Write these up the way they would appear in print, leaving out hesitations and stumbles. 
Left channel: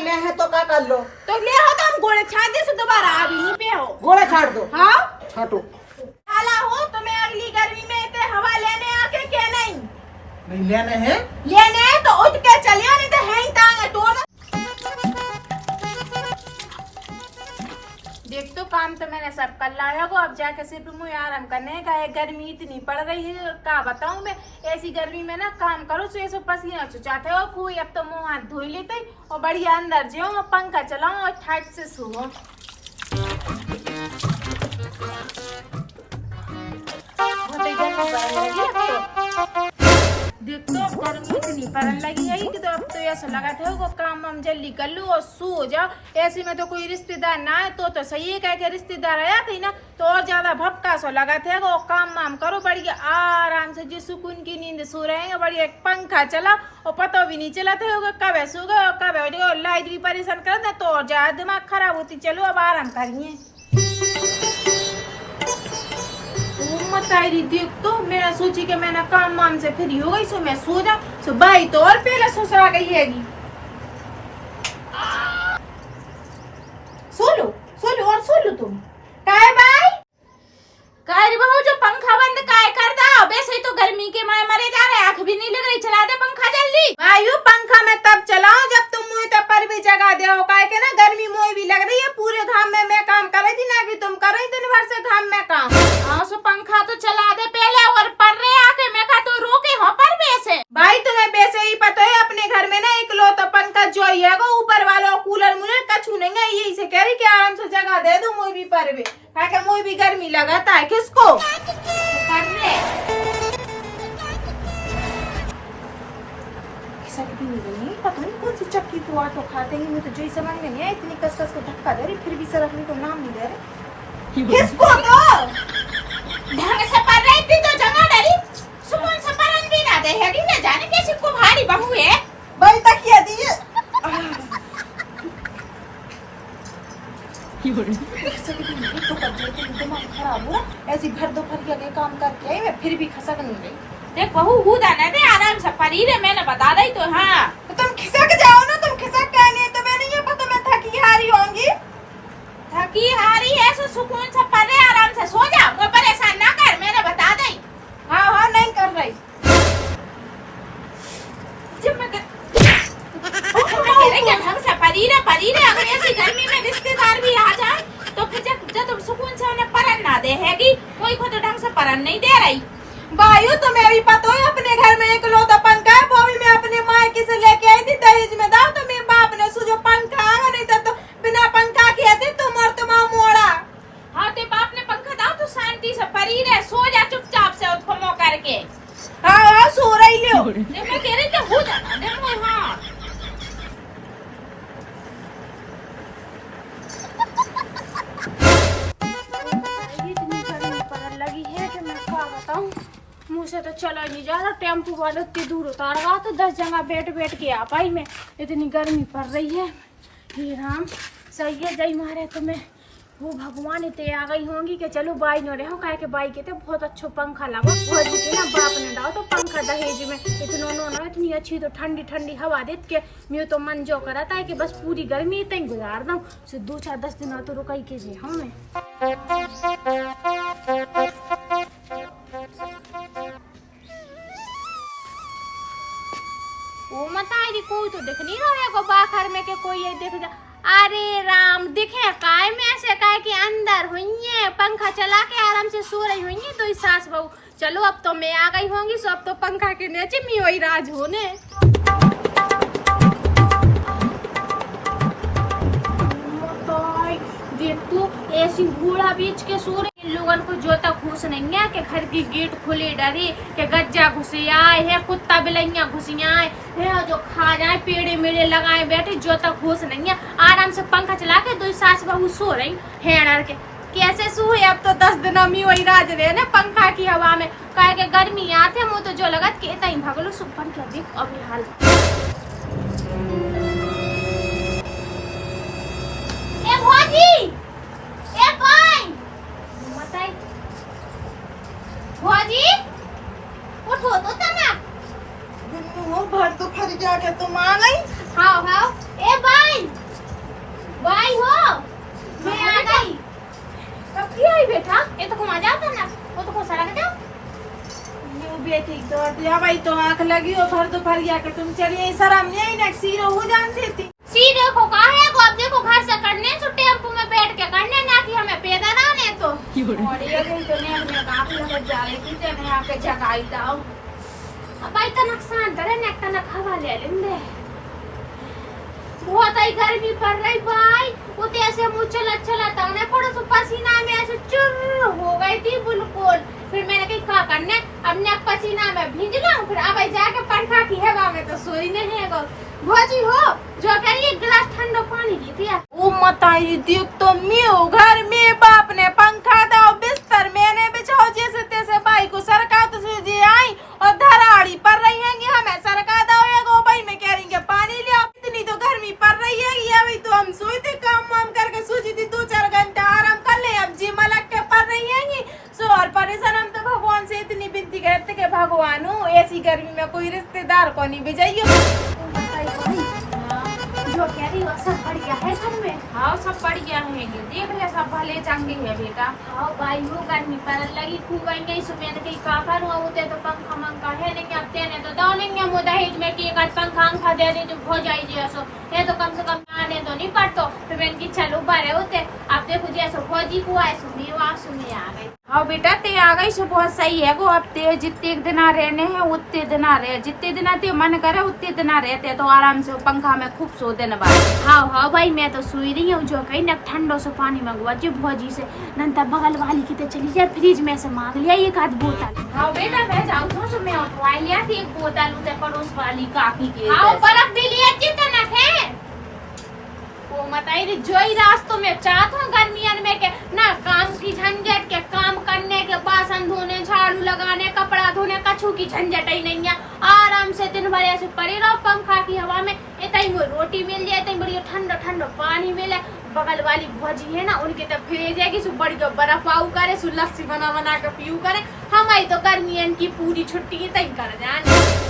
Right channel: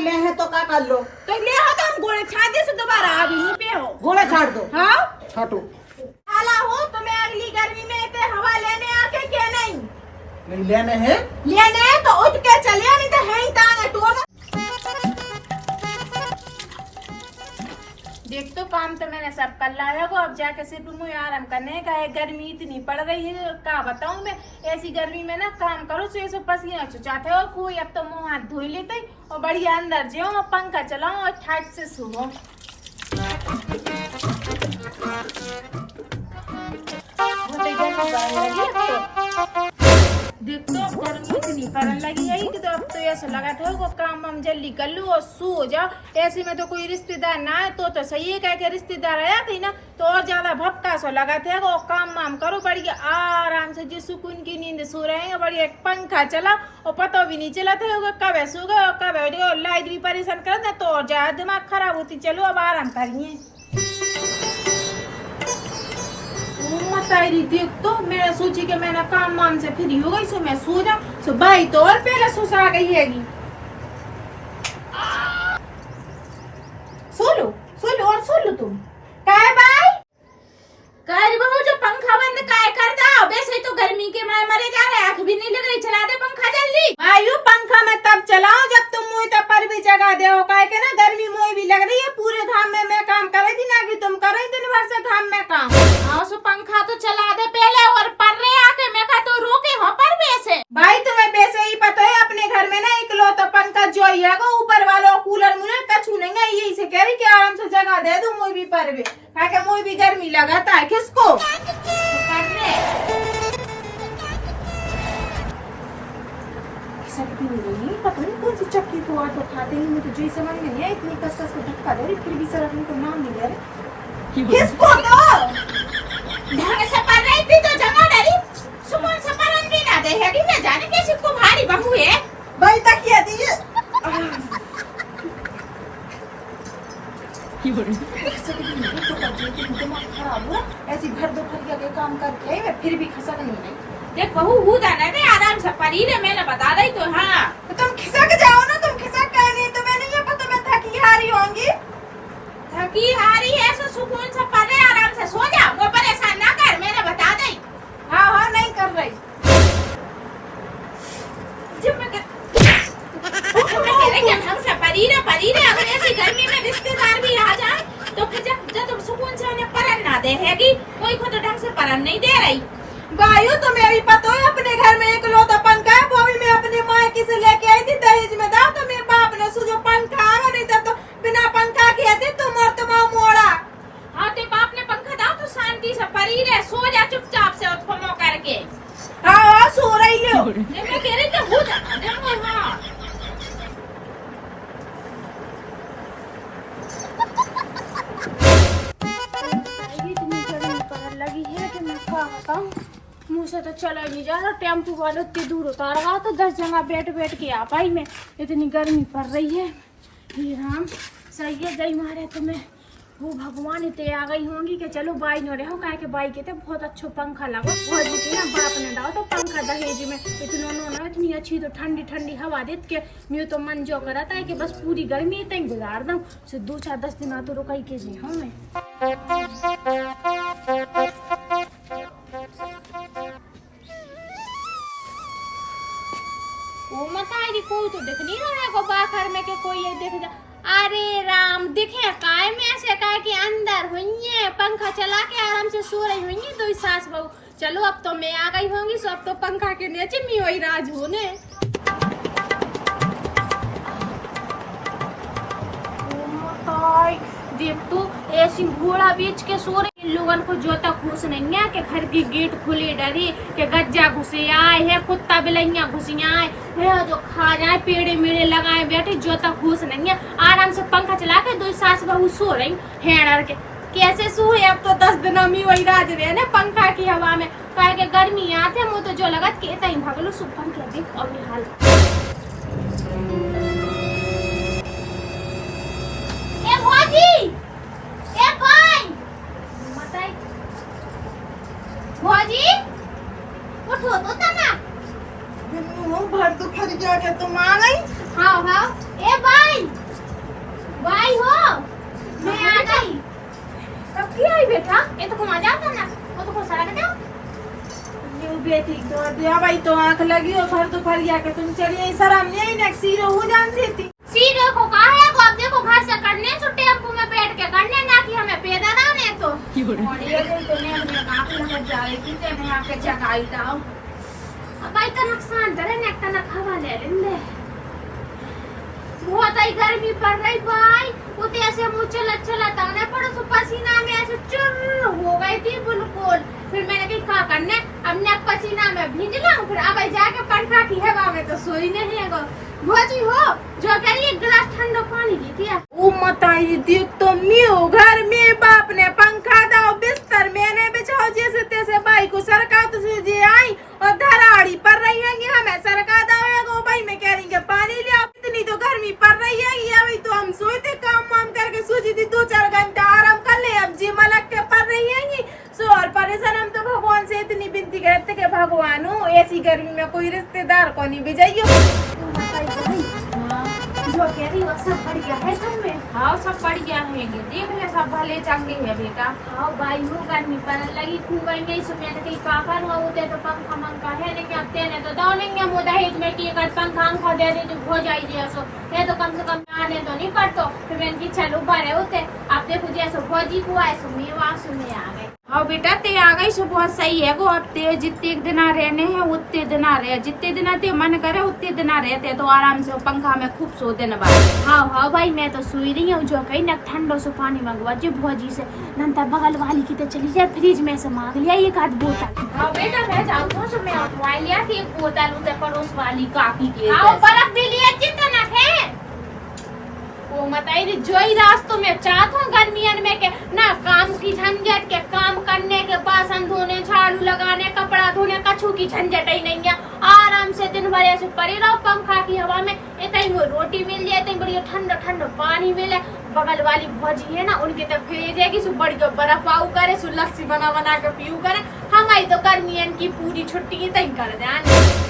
ले है तो क्या कर लो? तो ले हो तो हम गोले छाड़ दे, दोबारा अभी नहीं पे हो। घोड़े छाड़ दो। हाँ छाटो। आला हो तुम्हें अगली गर्मी में इतने हवा लेने आके क्या नहीं? नहीं लेने हैं? लेने हैं तो उठ के चलिए, नहीं तो है ही तांगे तो। देख तो काम तो मैंने सब कर लाया को, अब जाके सिर्फ मुझे आराम करने का है। गर्मी इतनी पड़ रही है, क्या बताऊं मैं। ऐसी गर्मी में ना काम करो तो ऐसे पसीना चुचाते हो कोई। अब तो मुंह हाथ धो लेते और बढ़िया अंदर जाओ और पंखा चलाओ और ठाट से सो। देख तो गर्मी इतनी पड़ने लगी है कि तो अब तो ऐसा लगा था वो काम हम जल्दी कर लूं और सो हो जाओ। ऐसे में तो कोई रिश्तेदार ना है तो सही है, कह के रिश्तेदार आया थी ना तो और ज्यादा भपका सो लगा था वो। काम वाम करो बढ़िया आराम से, जिस सुकून की नींद सो रहे हैं बढ़िया। एक पंखा चला और पता भी नहीं चला था कब सो गए और कब लाइट भी परेशान कर दे तो और ज्यादा दिमाग खराब होती। चलो अब आराम करिए। तारी देख तो मैंने सोची कि मैंने काम वाम से फ्री हो गई, सो मैं सो जा। सो भाई तो और पहले सुसरा गई हैगी। सो लो और सो लो तुम। काय भाई काय बहू जो पंखा बंद काय कर दा? वैसे ही तो गर्मी के मारे मरे जा रहे, आंख भी नहीं लग रही। चला दे पंखा जल्दी। भाई पंखा मैं तब चलाऊं जब तुम मुझे तो पर भी जगा दे हो। काय के ना गर्मी मुझे भी लग रही है, पूरे घाम में मैं काम कर रही थी ना कि तुम कर रही दिन भर से घाम में काम। हाँ सो पंखा तो चला दे पहले और पर रहे आके मैं कहा तो रोके हो पर वैसे। भाई तुम्हें वैसे ही पता है अपने घर में ना इकलौता पंखा जो ही है ऊपर वाला कूलर मुझे कछू नहीं है। यही से कह रही कि आराम से जगह दे दो मुझे भी पर भी, मुझे भी गर्मी लगाता है। किसको पता नहीं कौन सी चक्की को आटो खाते हैं, मुझे तो जो समझ में नहीं है। इतनी कसकस को धक्का दे रही फिर भी सरकने को नाम नहीं ले रहे। किसको तो ढंग से पढ़ रही थी तो जगह डरी सुकून से पढ़न भी ना दे है कि न जाने कैसी को भारी बहू है। भाई तक ये दी तो कर दिमाग खराब हो। ऐसी भर दोपहर के काम करके आई मैं फिर भी खसक नहीं रही। देख बहू हुदा ना दे आराम से परी रे, मैंने बता रही तो। हाँ तो तुम खिसक जाओ ना, तुम खिसक गए नहीं तो मैंने ये पता मैं थकी हारी होंगी। थकी हारी है सो सुकून से परे आराम से सो जा, वो परेशान ना कर, मैंने बता दी। हाँ नहीं कर रही। जब मैं कह रही कि ढंग से परी रे अगर ऐसी गर्मी में रिश्तेदार भी आ जाए तो फिर जब तुम सुकून से उन्हें परन ना दे हैगी, कोई को तो ढंग से परन नहीं दे रही। भाइयों तुम्हें भी पता है अपने घर में एक लौता पंखा है, वो भी मैं अपनी मायके से लेके आई थी दहेज में दाव। तो मेरे बाप ने जो पंखा आगा नहीं तो बिना पंखा के थे तुम और तुम्हारा मोड़ा। हाँ ते बाप ने पंखा दाव तो शांति से परी रहे, सो जा चुपचाप से उसको मो करके। हाँ सो रही हो। मैं कह रही तो हो जाना देखो। हाँ इतनी गर्मी पड़ने लगी है कि मैं क्या बताऊं, मुँह से तो चला नहीं जा रहा। टेम्पो वाले इतनी दूर उतारगा तो 10 जगह बैठ के आ पाई मैं, इतनी गर्मी पड़ रही है। हे राम सही है जय मारे तुम्हें वो भगवान इतने आ गई होंगी कि चलो बाई न रहो। कहे के बाई कहते बहुत अच्छा पंखा लगा बहुत ना बाप ने डालो तो पंखा दहेज में इतना इतनी अच्छी तो ठंडी ठंडी हवा देत के मैं तो मन जो करा था कि बस पूरी गर्मी इतनी गुजार दूं। सो 2-4-10 दिन तो रुकाई के जे हम मैं वो मत आई कोई तो दिख नहीं रहा है बाहर में के कोई ये देख जा। अरे राम दिखे काय में ऐसे काय के अंदर हुई है, पंखा चला के आराम से सो रही हुई है। तो सास बहू चलो अब तो मैं आ गई होंगी, सो अब तो पंखा के नीचे मी वही राज होने। देख तू ऐसी घोड़ा बेच के सो रही लोगों को जो तक घुस नहीं है कि घर की गेट खुली डरी के गज्जा घुसे आए है, कुत्ता बिलैया घुसिया है जो खा जाए पेड़े मेड़े लगाए बैठे जो तक घुस नहीं है। आराम से पंखा चला के 2 सास बहू सो रही है डर के। कैसे सो है अब तो 10 दिन में वही राज रहे ना पंखा की हवा में। कहे के गर्मी आते मुँह तो जो लगत के तई भगलो सु पंखा देख अब हाल। भौजी उठो तो तना हो भर तो फर गया के तुम आ गई। हाँ हाँ। ए भाई, भाई हो, मैं आ गई। कब की आई बेटा? ये तो घुमा जाता ना, वो तो सारा बेटा। न्यू बेटी तो दिया भाई तो आंख लगी हो भर तो फर गया के तुम चलिए शर्म नहीं आई ना सीरो हो जान देती। सी देखो कहाँ है वो, अब देखो घर से करने तो टेम्पो में बैठ के करने ना कि हमें पैदल आने तो। और ये दिन तो ने अपने आंख लग जा रही थी ते मैं आके जगाई दाओ। अब भाई का नुकसान करे ना, एक तना हवा ले लेंगे। बहुत आई गर्मी पड़ रही भाई, वो तो ऐसे मुँह चलाता उन्हें पड़ो तो पसीना में ऐसे चुर हो गई थी बिल्कुल। फिर मैंने कही क्या करने, अब ने पसीना में भीज लूं, फिर अब जाके पंखा की हवा में तो सोई नहीं है। भोजी हो जो कह रही, एक गिलास ठंडा पानी दी थी। ओ मताई देख तो म्यू घर में बाप ने पंखा दाओ बिस्तर मैंने बिछाओ जैसे तैसे भाई को सरका तो जी आई और धराड़ी पड़ रही है हमें सरका दाओ भाई मैं कह रही पानी ले आओ। इतनी तो गर्मी पड़ रही है ये अभी तो हम सोए थे काम वाम करके सोची थी 2-4 घंटा आराम कर ले, अब जी मलक के पड़ रही है सो और परेशान। हम तो भगवान से इतनी विनती करते कि भगवान हो ऐसी गर्मी में कोई रिश्तेदार को नहीं भेजाइयो। जो कह रही हो सब बढ़िया है घर में? हाँ सब बढ़िया है, देख ले सब भले चंगे है बेटा। हाँ भाई वो गर्मी पर लगी खूब नहीं सुबह कहीं काकर होते तो पंखा मंखा है नहीं अब देने तो दाव लेंगे मुदाहिज में कि एक पंखा अंखा दे दे तो हो जाए सो ये तो कम से कम आने तो नहीं पड़तो। फिर मैंने की चलो बारे होते आप देखो जैसे फौजी को आए सुमी वासु में आ गए। हाँ बेटा ते आ गई सो बहुत सही है गो, अब ते जितने दिन रहने हैं उतने दिन रहे, जितने दिन ते मन करे उतने दिन रहते तो आराम से पंखा में खूब सो देने बाद। हाँ हाँ भाई मैं तो सोई रही हूँ, जो कहीं ना ठंडो से पानी मंगवा जो भौजी से नंतर बगल वाली की तो चली जाए फ्रिज में से मांग लिया एक आध बोतल। हाँ बेटा मैं जाऊँ तो मैं उठवा लिया थी एक बोतल उसे पड़ोस वाली काकी के। हाँ बर्फ भी लिया चिंता है वो बताई जो ही रास्तों में चाहता हूँ गर्मियन में के ना काम की झंझट के काम करने के बासन धोने झाड़ू लगाने कपड़ा धोने कछू की झंझट ही नहीं है। आराम से दिन भर ऐसे पड़े रहो पंखा की हवा में, इतनी रोटी मिल जाए इतनी बढ़िया ठंडा ठंडा पानी मिले। बगल वाली भौजी है ना उनके तो भेज है कि बड़ी बर्फ आऊ करे सु लस्सी बना बना के पीऊ करे। हमारी तो गर्मियन की पूरी छुट्टी तय कर जाने।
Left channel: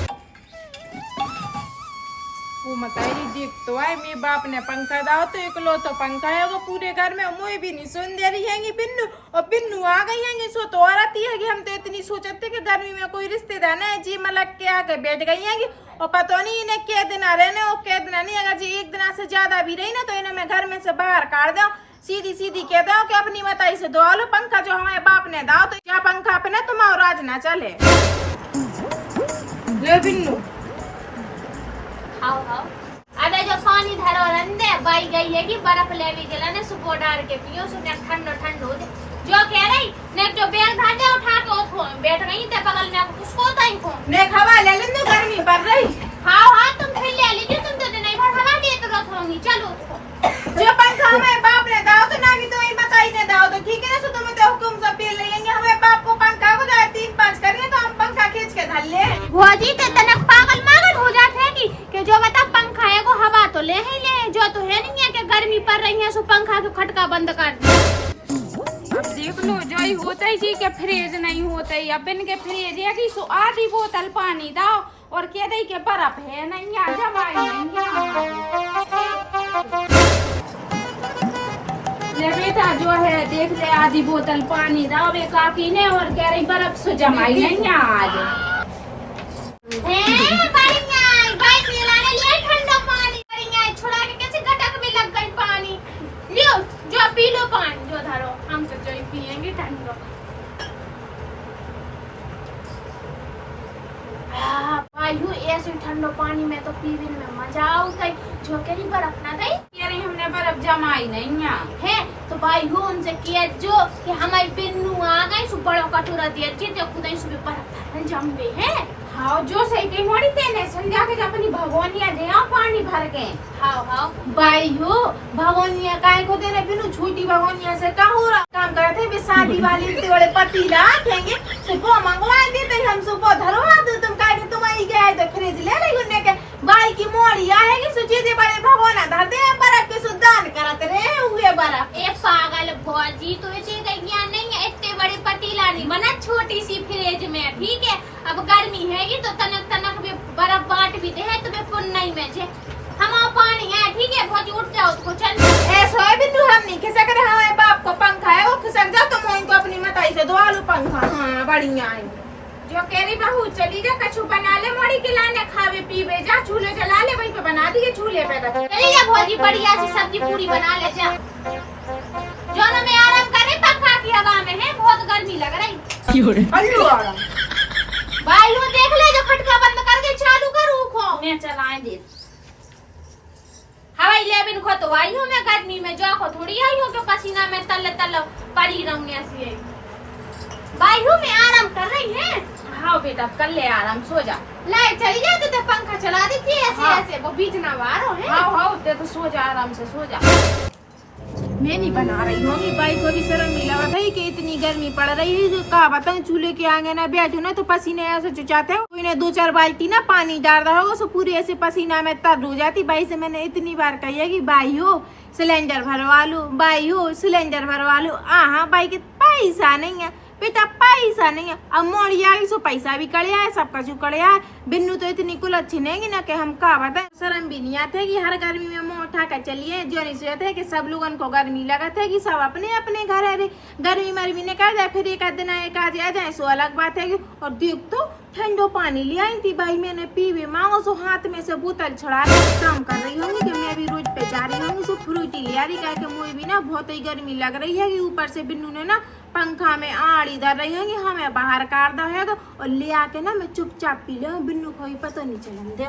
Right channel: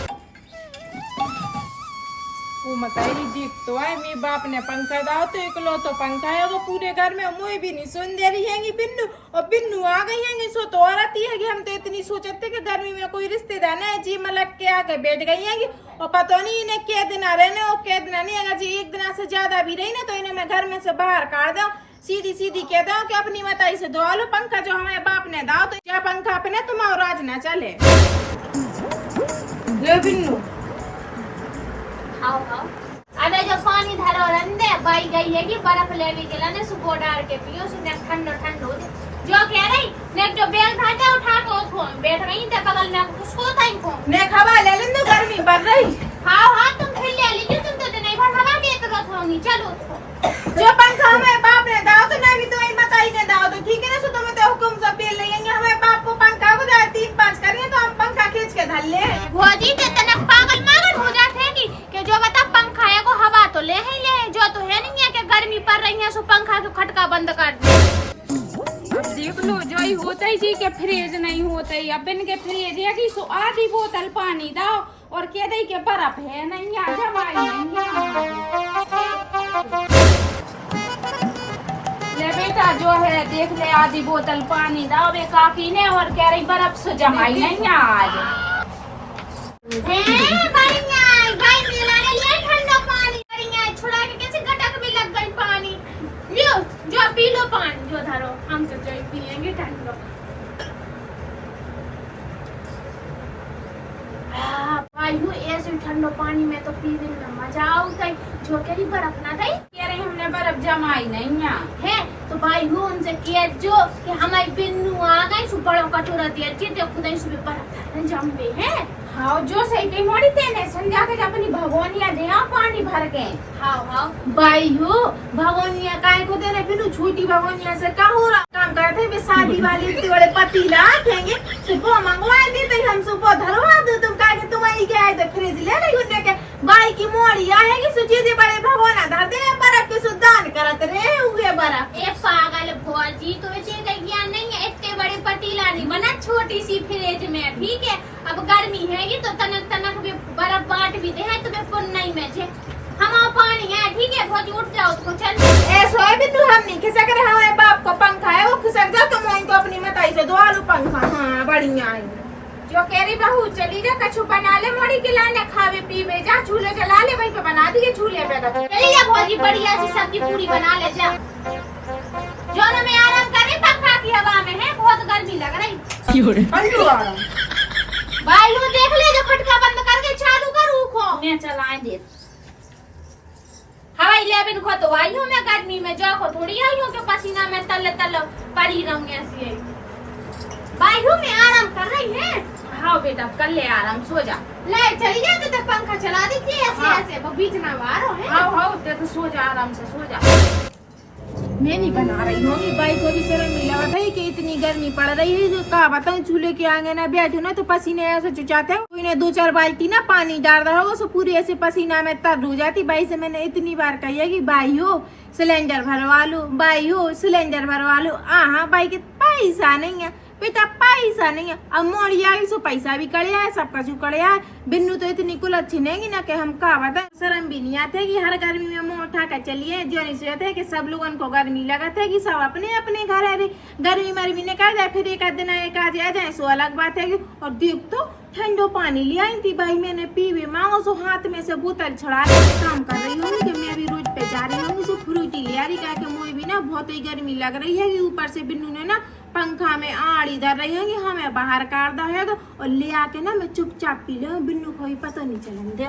वो बताई देख तो आए मेरे बाप ने पंखा दाओ तो इकलो तो पंखा है वो पूरे घर में मुझे भी नहीं सुन दे रही है बिन्नू, और बिन्नू आ गई है सो तो और आती है कि हम तो इतनी सोचते कि गर्मी में कोई रिश्तेदार ना जी मलक के आके बैठ गई है और पता नहीं इन्हें क्या दिन रहने और क्या दिन नहीं, अगर जी एक दिन से ज्यादा भी रही ना तो इन्हें मैं घर में से बाहर काट दो। सीधी सीधी कह दो कि अपनी मताई से दो लो पंखा जो हमारे बाप ने दाओ तो क्या पंखा अपने तुम्हारा राज ना चले। ले बिन्नू आओ आओ अबे जो पानी धरो रंदे बाई गई है कि बर्फ लेवे के लाने सुबह डाल के पियो सुने ठंडो ठंडो हो जाए। जो कह रही ने जो बैग धाते उठा के उठो बैठ गई ते बगल में किसको ताई को ने खवा ले लेन गर्मी पड़ रही। हाँ हाँ तुम फिर ले लीजिए, तुम तो नहीं भर हवा दे तो रखोगी। चलो जो पंखा हमारे बाप ने दाओ तो ना भी तो ही बताई ने दाओ तो ठीक है ना। सो तुम तो हुकुम सब पे लेंगे हमारे बाप को पंखा को 3-5 करिए तो हम पंखा खींच के धर ले। भौजी ते तनक पागल मागल हो जाते हैं कि जो बता पंखा है को हवा तो ले ही ले, जो तो है नहीं है कि गर्मी पड़ रही है सो पंखा के खटका बंद कर दे। अब देख लो जो ही होता ही जी के फ्रिज नहीं होता ही, अब इनके फ्रिज है कि सो आधी बोतल पानी दाओ और कह दे के बर्फ है नहीं आ जमाई नहीं। ले बेटा जो है देख ले आधी बोतल पानी दाओ बे काकी ने और कह रही बर्फ से जमाई नहीं आज। छुड़ा के कैसे गटक में लग गई पानी। लियो जो पी लो पानी जो धरो, हम तो चलो पी लेंगे ठंडो। वायु ऐसे ठंडो पानी में तो पीने में मजा आता है। जो कह रही बर्फ ना गई कह रही हमने बर्फ जमाई नहीं है तो वायु उनसे किया जो कि हमारी बिन्नू आ गई सु बड़ो कटोरा दिया जो खुदा सुबह बर्फ जमे है। हाँ जो सही कही मोड़ी तेने संध्या के अपनी भगवानिया दे पानी भर के। हाँ हाँ भाई हो भगवानिया काय को देने फिर छोटी भगवानिया से का हो रहा काम करते भी शादी वाली इतने बड़े पतीला आएंगे सुबह मंगवा दी तो हम सुबह धरवा दो तुम काय के तुम आई गए तो फ्रिज ले ले उन्ने के भाई की मोड़ी आएगी सुची दे बड़े भगवाना धर दे बर्फ के सुदान करत रे हुए बर्फ। ए पागल भौजी तो इतने ज्ञान नहीं है, इतने बड़े छोटी लानी बना छोटी सी फ्रिज में, ठीक है। अब गर्मी है ये तो तनक तनक भी बर्फ बांट भी दे है तुम्हें पुन नहीं में छे। हम पानी है, ठीक है। भौजी उठ जाओ तो चल ऐसा है बिन्नू, हम नहीं खिसक रहे हमारे बाप का पंखा है वो खिसक जा, तुम इनको अपनी मताई से दो आलू पंखा। हाँ बढ़िया है जो कह रही बहू चली जा कछु बना ले मोड़ी के लाने खावे पीवे जा, चूल्हे जला ले वहीं पे बना दिए चूल्हे पे। चली जा भौजी बढ़िया सी सब्जी पूरी बना ले जा, जोनो में आराम करे पंखा की हवा में है, बहुत गर्मी लग रही। अल्लू आराम भाई वो देख ले जो खटका बंद करके चालू कर उखो मैं चलाए दे हवाई लेबिन खो तो आई हूं मैं गर्मी में जो को थोड़ी आई हूं कि पसीना में तल तल पड़ी रहूं ऐसी। भाई हूं मैं आराम कर रही है। हाँ बेटा कर ले आराम, सो जा। लाइट चली जाए तो पंखा चला दीजिए ऐसे। हाँ। ऐसे वो बीच ना वारो है। हाँ हाँ तो सो जा आराम से, सो जा। मैं नहीं बना रही होंगी, बाई को भी शर्म नहीं लगा था कि इतनी गर्मी पड़ रही है। जो कहा बताऊं चूल्हे के आगे ना बैठो ना तो पसीने ऐसे चुचाते हैं, कोई ने 2-4 बाल्टी ना पानी डाल रहा होगा, सो पूरी ऐसे पसीना में तर हो जाती। बाई से मैंने इतनी बार कही है कि बाई हो सिलेंडर भरवा लो, बाई हो सिलेंडर भरवा लो। हाँ बाई के पैसा नहीं है बेटा, पैसा नहीं है। अब मोड़ी आई सो पैसा भी कड़िया है, सब कछु कड़िया है। बिन्नू तो इतनी कुल अच्छी नहीं ना कि हम कहा बता, शर्म भी नहीं आते कि हर गर्मी में मुँह उठा कर चलिए। जो नहीं सोचते है कि सब लोगों को गर्मी लगत है कि सब अपने अपने घर है। गर्मी मरमी ने कहा जाए फिर एक आध दिन एक आज आ जाए सो अलग बात है। और देख तो ठंडो पानी ले आई थी भाई, मैंने पीवे मांगो सो हाथ में से बोतल छड़ा काम कर रही होंगी कि मैं भी रोड पे जा रही होंगी सो फ्रूटी ले आ रही। कहा कि मुझे भी ना बहुत ही गर्मी लग रही है कि ऊपर से बिन्नू ने ना पंखा में आड़ी धर रही होंगी, हमें बाहर काट दो है और ले आके ना मैं चुपचाप पी ले, बिन्नू को ही पता नहीं चलन दे।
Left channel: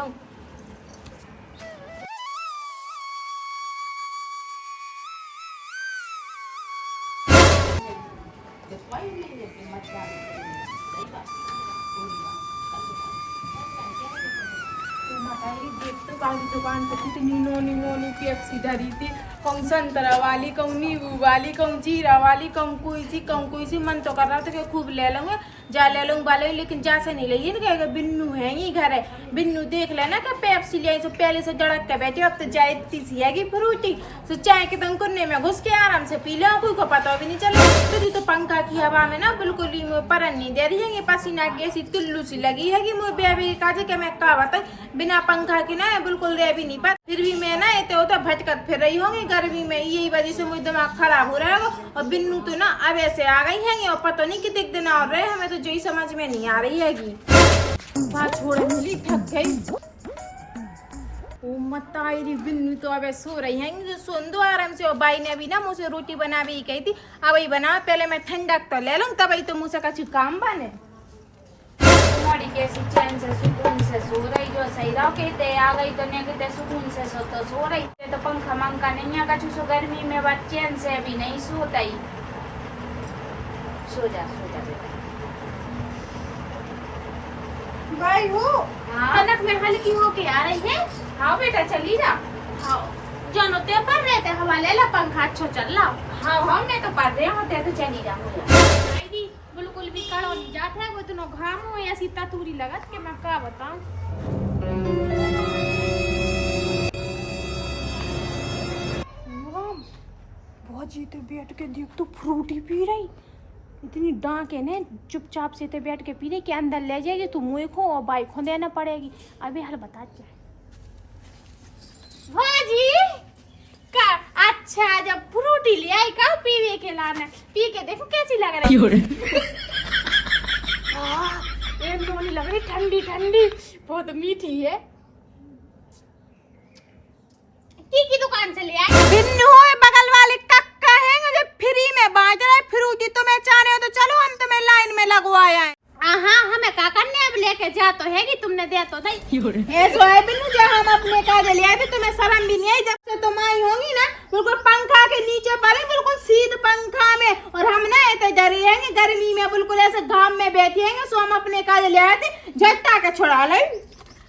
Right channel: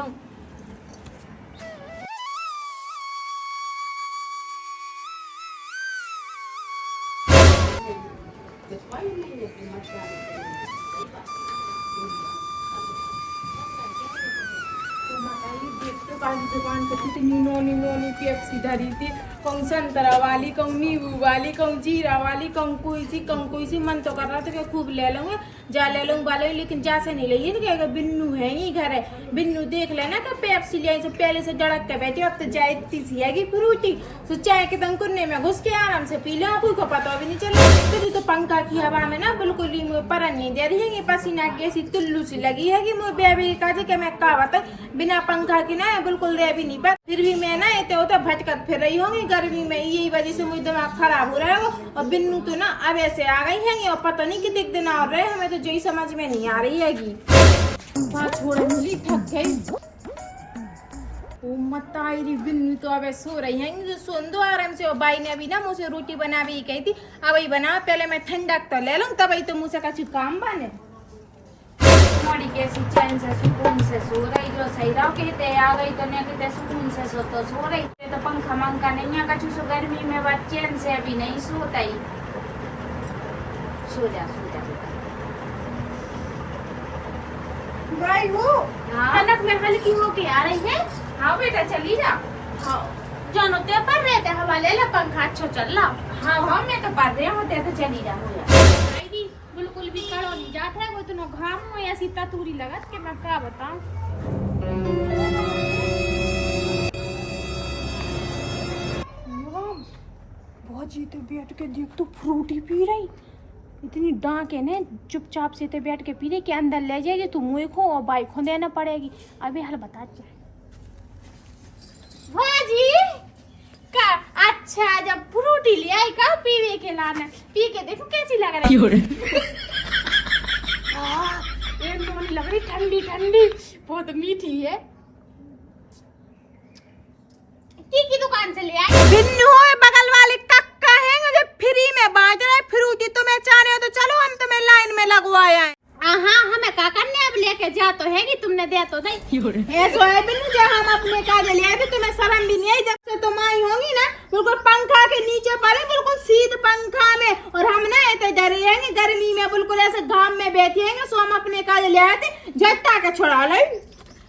दुकान पे कितनी नोनी नोनी पेप्सी धरी थी, कहूँ संतरा वाली, कहूँ नींबू वाली, कहूँ जीरा वाली, कहूँ कोई सी मन तो कर रहा था कि खूब ले लूंगे जा ले लूंगा वाले, लेकिन जा से नहीं लगी ना बिन्नू है ही घर है। बिन्नू देख लेना कि पेप्सी ले तो पहले से जड़क के बैठी, अब तो चाय इतनी सी है फ्रूटी तो चाय के दम कुन्ने में घुस के आराम से पी लो, कोई को पता भी नहीं चला। तो पंखा की हवा में ना बिल्कुल ही मुझे परन नहीं दे रही है, पसीना की ऐसी तुल्लू सी लगी है कि मुझे बेबी कहा कि मैं कहा बता बिना पंखा की ना बिल्कुल दे भी नहीं पाती। फिर भी मैं ना इतने होता भटकत फिर रही होंगी गर्मी में, यही वजह से मुझे दिमाग खराब हो रहा है। और बिन्नू तो ना अब ऐसे आ गई है और पता नहीं कितने दिन और रहे, हमें तो जो ही समझ में नहीं आ रही हैगी। छोड़े मिली थक गई ओ मत आई रही बिन्नू तो अब सो रही है जो सुन दो आराम से। और बाई ने अभी ना मुझसे रोटी बना भी कही थी, अब ही बनाओ पहले मैं ठंडक तो ले लूँ तब ही तो मुझसे कछु काम बने। बड़ी कैसी चैन से सुकून से सो रही, जो सही रहो कहते आ गई तो नहीं कहते सुकून से सो रही। तो पंखा मंखा नहीं है कछु सो गर्मी में बात चैन से अभी नहीं सोता ही। सो जा बेटा। भाई हो कनक में हल्की होके आ रही है। हाँ बेटा चली जा। हाँ जानो ते पर रहे थे हमारे ला पंखा अच्छा चल रहा। हाँ मैं तो पढ़ रहे होते तो चली जाऊंगी। बिल्कुल भी कड़ो नहीं जाता है, वो इतना घाम हो ऐसी ततूरी लगत के मैं क्या बताऊं। भौजी तो बैठ के देख तो फ्रूटी पी रही, इतनी डांक है ने चुपचाप से तो बैठ के पी रही कि अंदर ले जाएगी तो मुँह खो और बाइक खो देना पड़ेगी। अभी हल बता भौजी का अच्छा जब फ्रूटी ले आई का पीवे के लाना, पी के देखो कैसी लग रही है। एक तो लग रही ठंडी ठंडी, बहुत मीठी है। की दुकान से ले आई बिन्नू है बगल वाले कक्का है जो फ्री में बांट रहा है फ्रूटी, तुम्हें चाह रहे हो तो चलो हम तुम्हें लाइन में लगवाया है। हाँ हमें काका ने अब लेके जा तो है कि तुमने दे तो नहीं। बिन्नू जो हम अपने काज ले आए थे तुम्हें शर्म भी नहीं आई, जब से तुम आई होंगी ना बिल्कुल पंखा के नीचे पड़े बिल्कुल सीध पंखा में, और हम ना ऐसे डरे हैं गर्मी में बिल्कुल ऐसे घाम में बैठे हैं, सो हम अपने काज ले आए थे झट्टा के छुड़ा ले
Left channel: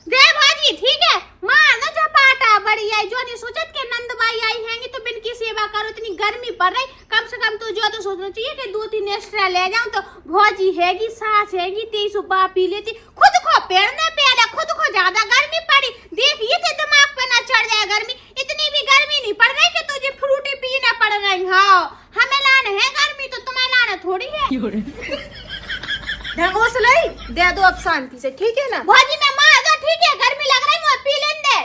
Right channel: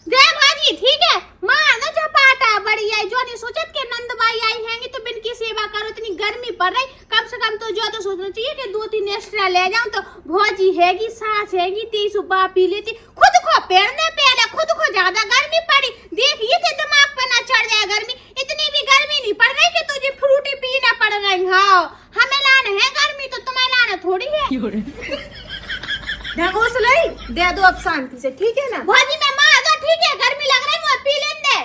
दे भाजी। ठीक है मार ना झपाटा बड़ी आई जो नहीं सोचत के नंदबाई आई हैंगी तो बिन की सेवा करो, इतनी गर्मी पड़ रही कम से कम तो जो तो सोचना चाहिए कि 2-3 एक्स्ट्रा ले जाऊं तो भौजी हैगी सास हैगी 23 सुबह पी लेती। खुद को पेड़ने पहले खुद को ज्यादा गर्मी पड़ी, देखिए थे दिमाग पे ना चढ़ जाए गर्मी। इतनी भी गर्मी नहीं पड़ रही कि तुझे फ्रूटी पीना पड़ रही। हाँ हमें लाने है गर्मी तो तुम्हें लाना थोड़ी है। ढंगोस लई दे दो अब शांति से, ठीक है ना भौजी मैं माँ आजा, ठीक है गर्मी लग रही मुझे पी लेने दे।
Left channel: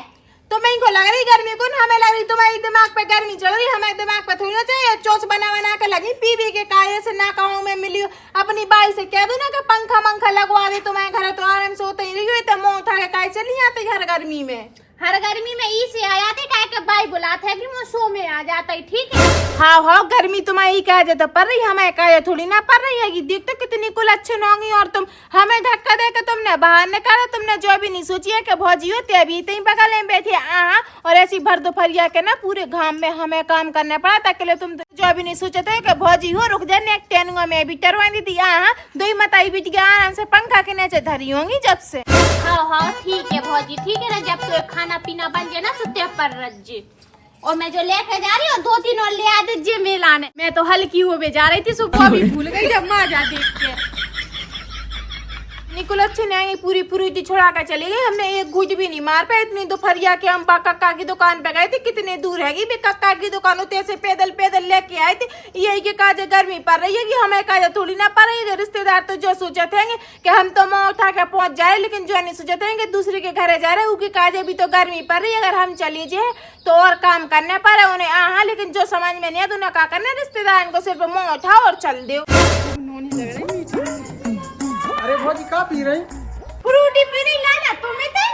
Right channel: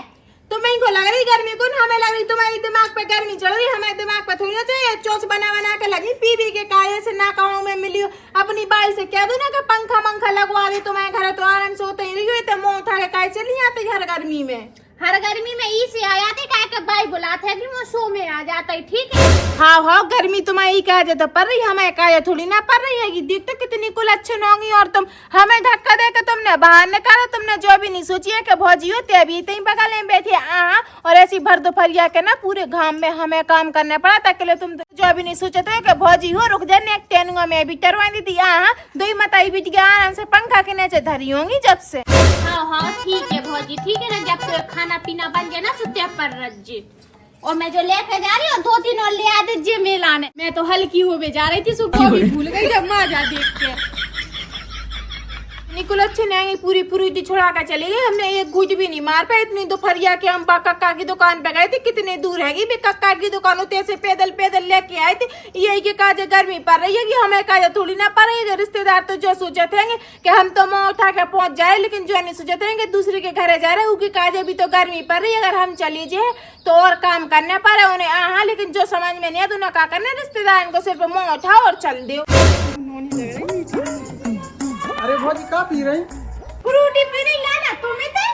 तुम्हें को लग रही गर्मी, कौन हमें लग रही, तुम्हारी दिमाग पे गर्मी चल रही, हमें दिमाग पे थोड़ी ना चाहिए। चोच बना के लगी पी पी के काये से ना कहूँ मैं मिली हूँ। अपनी बाई से कह दो ना कि पंखा लगवा दे तुम्हारे घर, तो आराम से होते ही रही हुई, मुँह उठा के काहे चली आती घर गर्मी में। हर गर्मी में ई से आ जाते काहे के बाई बुलाते है कि वो सो में आ जाता है, ठीक है। हाँ गर्मी तुम्हारी कहा जाए तो पड़ रही, हमें कहा थोड़ी ना पड़ रही है। देखते कितनी कुलच्छन होंगी, और तुम हमें धक्का देकर तुमने बाहर निकाला। तुमने जो भी नहीं सोची है कि भौजी होती अभी इतनी बगल में बैठी और ऐसी भर दोपहरिया के ना पूरे घाम में हमें काम करना पड़ा था। के तुम जो भी नहीं सोचे थे कि भौजी हो रुक जाने एक टेनुआ में भी टरवा दी थी। दो ही मताई बिटिया आराम से पंखा के नीचे धरी होंगी जब से। हाँ ठीक है भौजी, ठीक है ना, जब तो खाना पीना बन गया ना सुते पर रज्जी। और मैं जो लेके जा रही हूँ 2-3 और ले आ दीजिए मेलाने। मैं तो हल्की हुए जा रही थी, सुबह भी भूल गई जब माँ जा देख के। निकुल अच्छे नहीं पूरी पूरी छोड़ा कर चली गई। हमने एक गुज भी नहीं मार पाए। इतनी दोपहरिया के हम कक्का की दुकान पे गए थे, कितने दूर है कक्का की दुकान होते ऐसे पैदल लेके आए थे। यही के काजे गर्मी पड़ रही है कि हमें काजे थोड़ी ना पड़ रही है। रिश्तेदार तो जो सोचे थे कि हम तो मुँह उठा के पहुंच जाए, लेकिन जो नहीं सोचे थे कि दूसरे के घरे जा रहे उनके काजे भी तो गर्मी पड़ रही है। अगर हम चली जाए तो और काम करने पड़े उन्हें। लेकिन जो समझ में नहीं है तो क्या करना, रिश्तेदार को सिर्फ मुँह उठाओ और चल दो। अरे भौजी का पी रही? फ्रूटी पी रही लाना तुम्हें थे?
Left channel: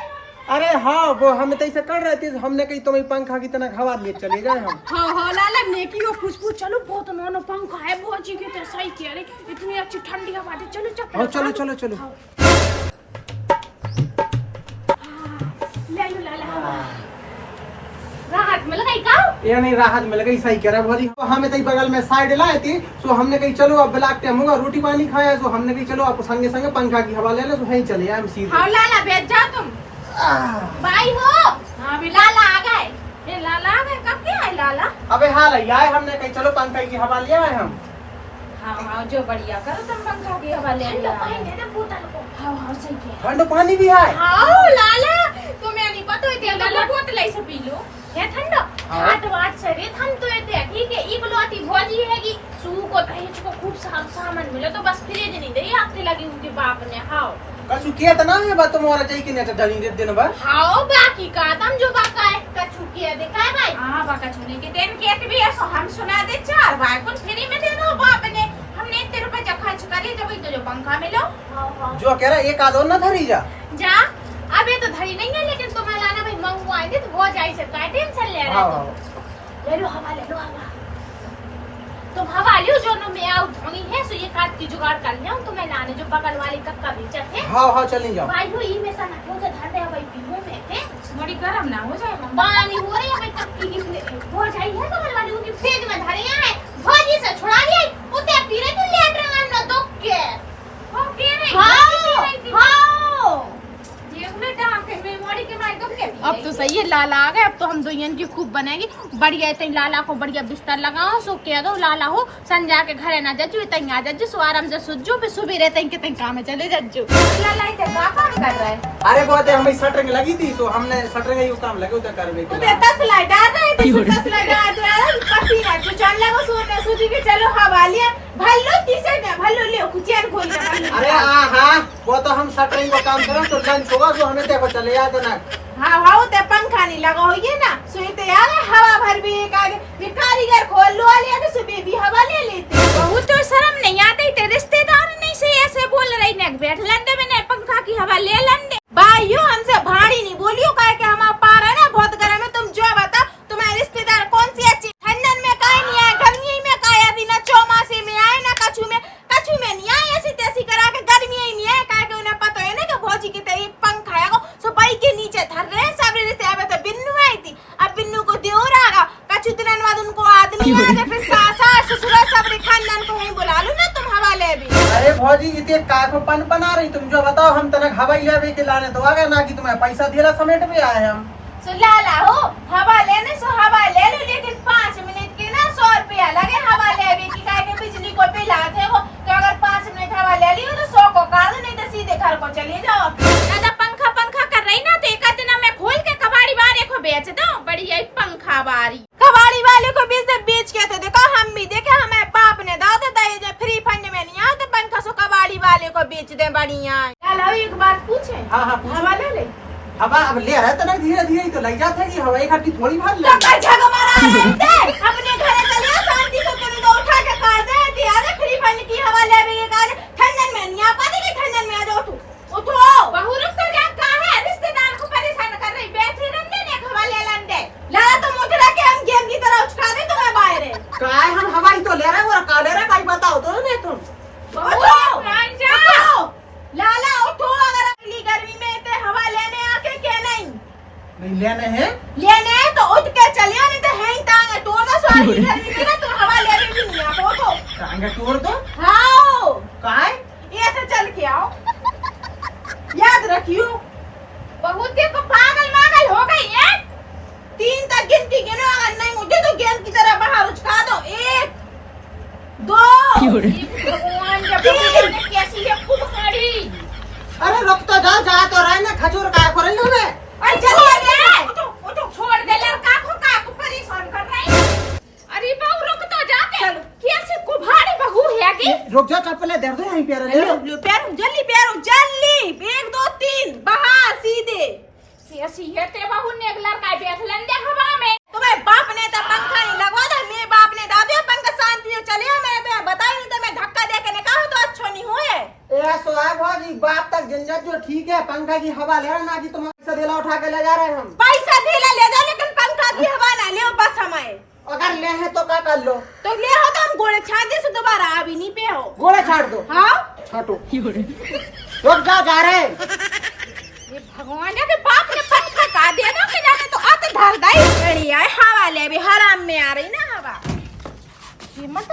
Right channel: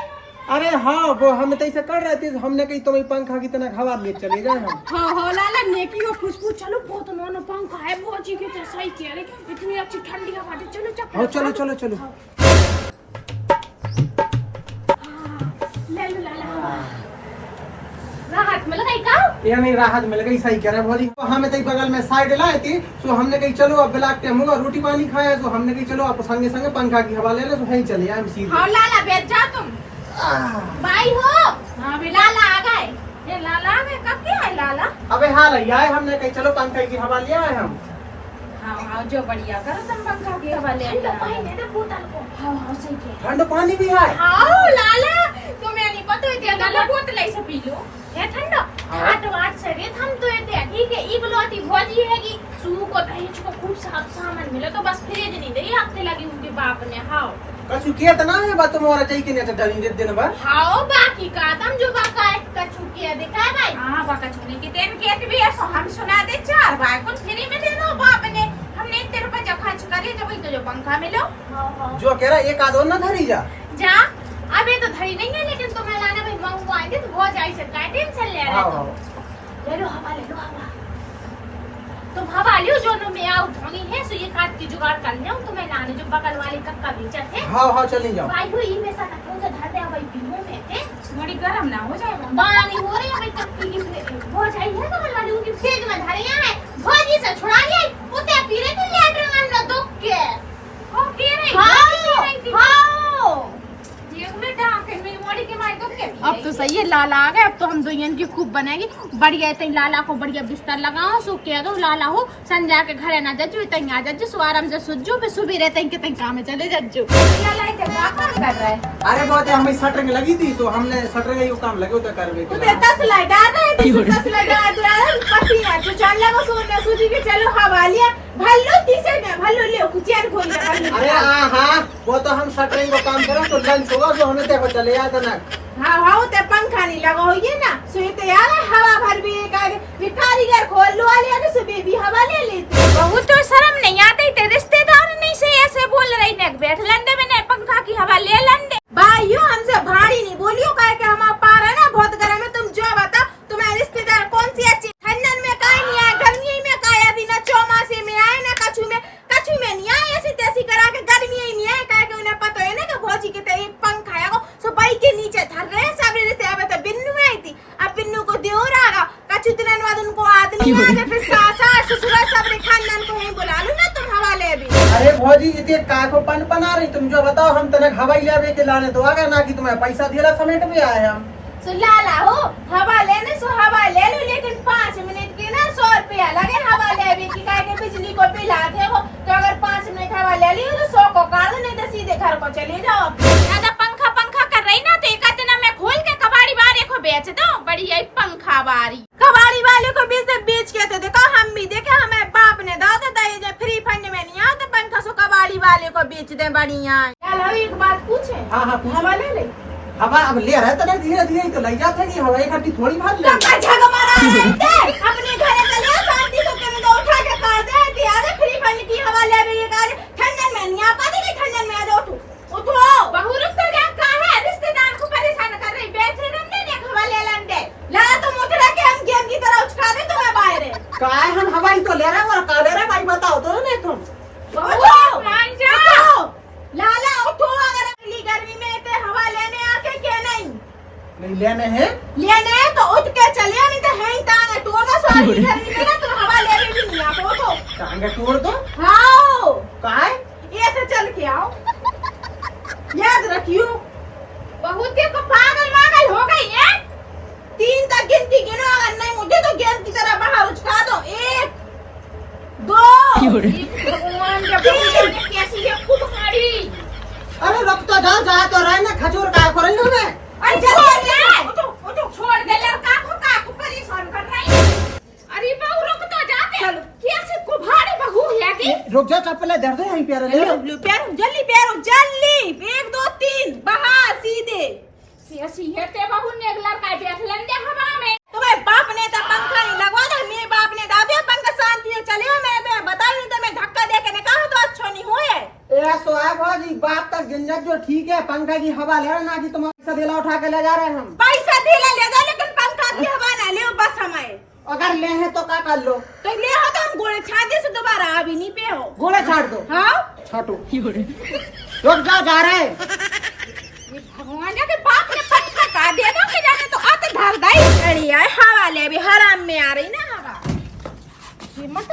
अरे हाँ वो हम तो ऐसे कर रहे थे, हमने कही तुम्हें पंखा की तरह हवा लिए चले गए हम। हाँ लाला नेकी और खुशबू। चलो बहुत नोनो पंखा है भौजी के तो सही कह रही, इतनी अच्छी ठंडी हवा दे। चलो हाँ चलो ले लो लाला, राहत मिल गई का? ये नहीं राहत मिल गई, सही कह रहा है भौजी। हमें तो बगल में साइड लाए थी, सो हमने कही चलो अब ब्लैक टाइम होगा, रोटी पानी खाया, तो हमने कही चलो आप संगे संगे पंखा की हवा ले लो, तो यहीं चले आए सीधे। हाँ लाला बैठ जा तुम। भाई हो? हाँ भी लाला आ गए। ये लाला आ गए, कब के आए लाला? अबे हाल आए, हमने कही चलो पंखा की हवा ले आए हम। हाँ जो बढ़िया करो तुम पंखा की हवा ले बोतल को। हाँ सही कह। ठंडा पानी भी है। हाँ लाला तुम्हें नहीं पता है लाला बोतल ऐसे पी लो ये ठंडा। आठ से रे हम तो ये ठीक है, इकलौती भौजी है कि सू को दहेज को खूब सामान मिला तो बस फ्रिज नहीं दे हफ्ते लगी उनके बाप ने। हाँ कछु किया तो ना है बात तुम्हारा चाहिए कि नहीं तो डरी दिन भर। हाँ बाकी का तुम जो बाका है कछु किया देखा है भाई। हाँ बाका छूने के दिन के भी ऐसा हम सुना दे 4 बार कुछ फ्री में दे दो बाप ने। हमने इतने रुपए जब खर्च करे जब तो जो पंखा मिलो। जो कह रहा एक आधो ना धरी जा अभी तो धरी नहीं है, लेकिन तुम्हें लाना भाई मंगवाएंगे तो बहुत जाई सकता है, टेंशन ले रहे हो। ले लो हवा तुम हवा लियो जो नो में आउट होनी है, सो ये काट की जुगाड़ कर लिया तुम्हें लाने जो बगल वाले कक्का बेचत है। हाँ चली जाओ। भाई हुई में सा ना तो धर दे भाई पीने में है, बड़ी गर्म ना हो जाए पानी हो रही है भाई कक्की की हो जाई है बगल वाली उनकी फेंक में धरे है भौजी से छुड़ा लिया उते पी रहे थे लेटर में दुख के। हो के नहीं हां अब तो सही है लाला आ गए। अब तो हम दोयन की खूब बनाएंगे बढ़िया। इतनी लाला को बढ़िया बिस्तर लगाओ, सो कह दो लाला हो संजा के घरे ना जज्जू इतनी आ जज्जू सो आराम से सुजू पे सुबह रहते हैं कितने काम में चले जज्जू। लाला इतने का काम कर रहा है? अरे बहुत हमें शटरिंग लगी थी, सो हमने शटरिंग का काम लगे उधर करवे के। 10 लाइट आ रहे थे, 10 लाइट आ रहे पसीना जो चल लगा सो मैं सोची कि चलो हवा लिया भल्लो तीसरे में भल्लो लियो कुचेर खोल के। अरे हाँ वो तो हम शटरिंग का काम करें तो लंच होगा तो हमें देखो चले जाते ना। हाँ ते पंखा नहीं लगा हो ये ना सोते यार हवा भर भी कारीगर खोल लो लिया ना सुबह भी हवा ले लेते। बहुत तो शर्म नहीं आती ते रिश्तेदार नहीं से ऐसे बोल रही ने बैठ लंदे में पंखा की हवा ले लंदे। भाइयों हमसे भाड़ी नहीं बोलियो काहे कि हमारा पार है ना बहुत गर्म है। तुम जो बताओ तुम्हारे रिश्तेदार कौन सी अच्छी ठंडन में काहे नहीं आए, गर्मी में काहे अभी ना चौमासे में आए ना कछु में नहीं आए, ऐसी तैसी करा के गर्मी ही नहीं आए। काहे कि उन्हें पता है ना कि भौजी के ते एक पंखा है सो बाई के नीचे धर रहे सब रिश्ते। अब तो बिन्नू आई थी, अब बिन्नू को देवर आ रहा कछु दिन बाद उनको आदमी आ गए, फिर सास ससुर सब खानदान को ही बुला लो ना तुम हवा ले भी। अरे भौजी इतने काको पन आ रही, तुम जो बताओ हम तनक हवाई ले के लाने तो आ गए ना कि तुम्हें पैसा दिला समेट भी आए हम। सो लाला हो हवा लेने सो हवा ले लो, लेकिन 5 मिनट के ना 100 रुपया लगे हवा ले की काहे कि बिजली को बिल आते वो। तो अगर 5 मिनट हवा ले लियो तो 100 को काट दो, नहीं तो सीधे घर को चले जाओ। दादा पंखा कर रही ना तो एक दिन मैं खोल के कबाड़ी वाले को बेच दो बढ़िया पंखा बारी। कबाड़ी वाले को बेच के तो देखो हम भी देखे हमें बाप ने दादा फ्री फंड ते बढ़िया। लाला एक बात पूछे? हाँ हाँ पूछ। हवा ले ले। हवा अब ले रहे तो नहीं, धीरे धीरे ही तो लग जाते कि हवा इकट्ठी थोड़ी मार ले। अपने घर चलिए शांति से, तुम तो उठा के कर दे दिया दे फ्री फंड की हवा ले रही है काज ठंडन में नहीं आ पाती कि ठंडन में आ जाओ तू। उठो बहू रुक तो जा, कहां है रिश्तेदार को परेशान कर रही, बैठे रहने ने हवा ले लन दे। लाला तुम उठ रहा के हम गेंद की तरह उछका दे तुम्हें बाहर है। काय हम हवा ही तो ले रहे और का ले रहे भाई बताओ तो नहीं तुम। उठो मान जा लाला, उठो। अगर अगली गर्मी में इतने हवा लेने आके क्या नहीं लेने हैं लेने तो उठ के चलिए, नहीं तो है ही तांगे तो ना सारी गर्मी में ना तुम हवा लेने भी नहीं आ पाओ। तो टांगे तोड़ दो। हाँ काय ऐसे चल के आओ, याद रखियो। बहुत को पागल मागल हो गई है। 3 तक गिनती गिनो, अगर नहीं मुझे तो गेंद की तरह बाहर उछका दो। 1 2 भगवान जब कैसी है खूब गाड़ी। अरे रुक तो जाओ, जाए तो रहे ना, खजूर काय कर रही हूं मैं। अरे चलिए उठो उठो, छोड़ दे लड़का को परेशान कर रही। अरे बहू रुक तो जाते, चलो कैसे कुभाड़ी बहू है कि रुक जा, चप्पल दे दो यहीं पैर ले लो। पैर जल्दी 1 2 3 बाहर सीधे। ऐसी है ते बहू ने अगला काय बैठ लंदे हवा में। तुम्हें बाप ने तो पंखा नहीं लगवा दे, मेरे बाप ने दादे पंखा शांति से चले। मैं बताई नहीं तो मैं धक्का दे के ने कहा तो अच्छा नहीं हुए। ए सोया भाजी बात तक झंझट जो ठीक है, पंखा की हवा ले रहा ना कि तुम पैसा देला उठा के ले जा रहे हैं हम। पैसा देला ले जा, लेकिन पंखा की हवा ना ले बस हमारे। अगर ले है तो क्या कर लो? तो ले हो तो हम गोले छाते से दोबारा अभी नहीं पे हो। गोले छाड़ दो। हाँ छाटो। रुक जाओ, जा रहे हैं। ये भगवान के बाप ने पंखा का दे दो कि जाने तो आते धार दाई चढ़ी आए हवा ले भी हराम में आ रही ना हवा। ये मत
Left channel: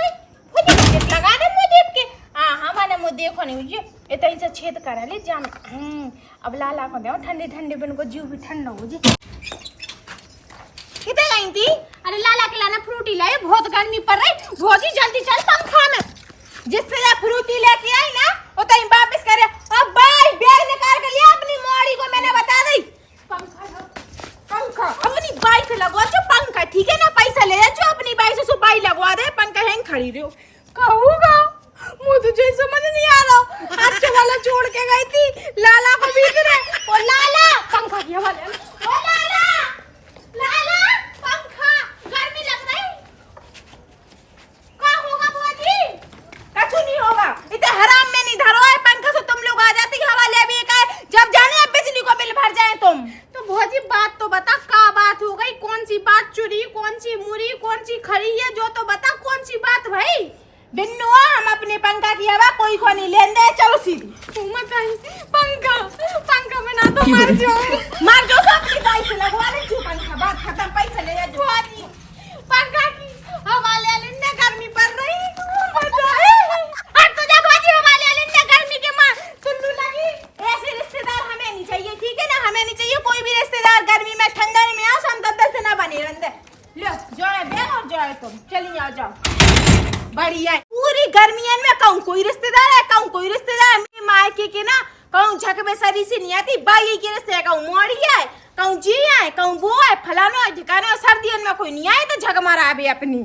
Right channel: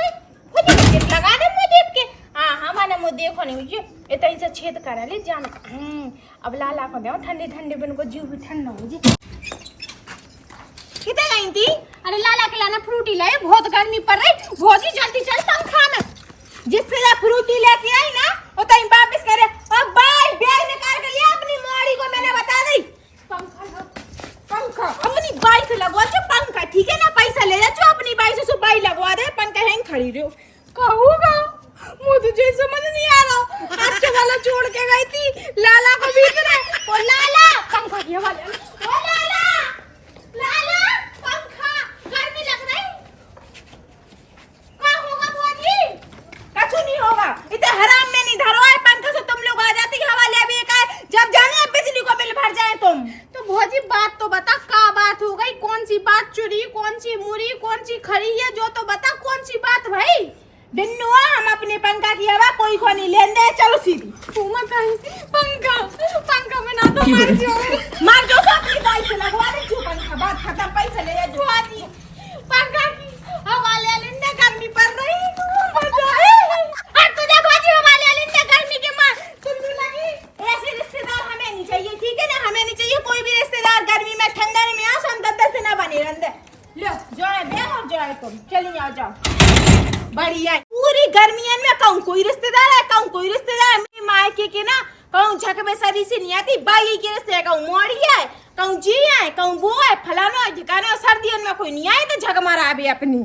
मुझे लगा दे मुझे के हां हवा ने मुझे देखो नहीं मुझे इतना से छेद करा ले जान। अब लाला को दे ठंडे ठंडे बन को जीव भी ठंडा हो जी। कितने गई थी? अरे लाला के लाना फ्रूटी लाए, बहुत गर्मी पड़ रही। बहुत ही जल्दी चल पंखा में, जिससे फ्रूटी लेके आई ना वो तई वापस करे। अब भाई बैग निकाल के लिया अपनी मोड़ी को, मैंने बता दी। पंखा अपनी बाई से लगवा जो पंखा, ठीक है ना? पैसा ले जा जो अपनी बाई से बाई लगवा दे, पंखा हैंग खड़ी रहो। कहूँगा मुझे तुझे समझ नहीं आ रहा। अच्छा वाला छोड़ के गई थी लाला को बीच में। ओ लाला पंखा की हवा ले। ओ लाला लाला पंखा गर्मी लग रही। क्या होगा बुआजी? कुछ नहीं होगा, इतने हराम में नहीं धरो है पंखा से तुम लोग आ जाती हवा ले भी का जब जाने बिजली को बिल भर जाए तुम। तो भौजी बात तो बता, क्या बात हो गई? कौन सी बात चुरी, कौन सी मुरी, कौन सी खरी है जो तो बता, कौन सी बात भाई? बिन्नू हम अपने पंखा की हवा कोई को नहीं लेने दे, चलो सीधी। पंखा पंखा में ना तो मार जो तो अपनी बाई से लगवा दे जो पंखा, बात खत्म। पैसा ले जा बुआजी, पंखा की हवा ले लेने, गर्मी पड़ रही। तो जा बुआजी हवा ले लेने, गर्मी के मार चुल्लू लगी। ऐसे रिश्तेदार हमें नहीं चाहिए, ठीक है ना? हमें नहीं चाहिए कोई भी रिश्तेदार गर्मी में ठंडा में आ, हम 10 दिन ना बने रहते। लो जाए बे और जाए तुम, चली आ जाओ। बढ़िया पूरी गर्मियन में कहूँ कोई रिश्तेदार है, कहूँ कोई रिश्तेदार है। मेरी मायके के ना कहूँ झक में सरी से नहीं आती, बाई के रिश्ते कहूँ मोड़ी है, कहूँ जी है, कहूँ वो है, फलाना है, ठिकाना है। सर्दियों में कोई नहीं आए तो झक मारा अभी अपनी।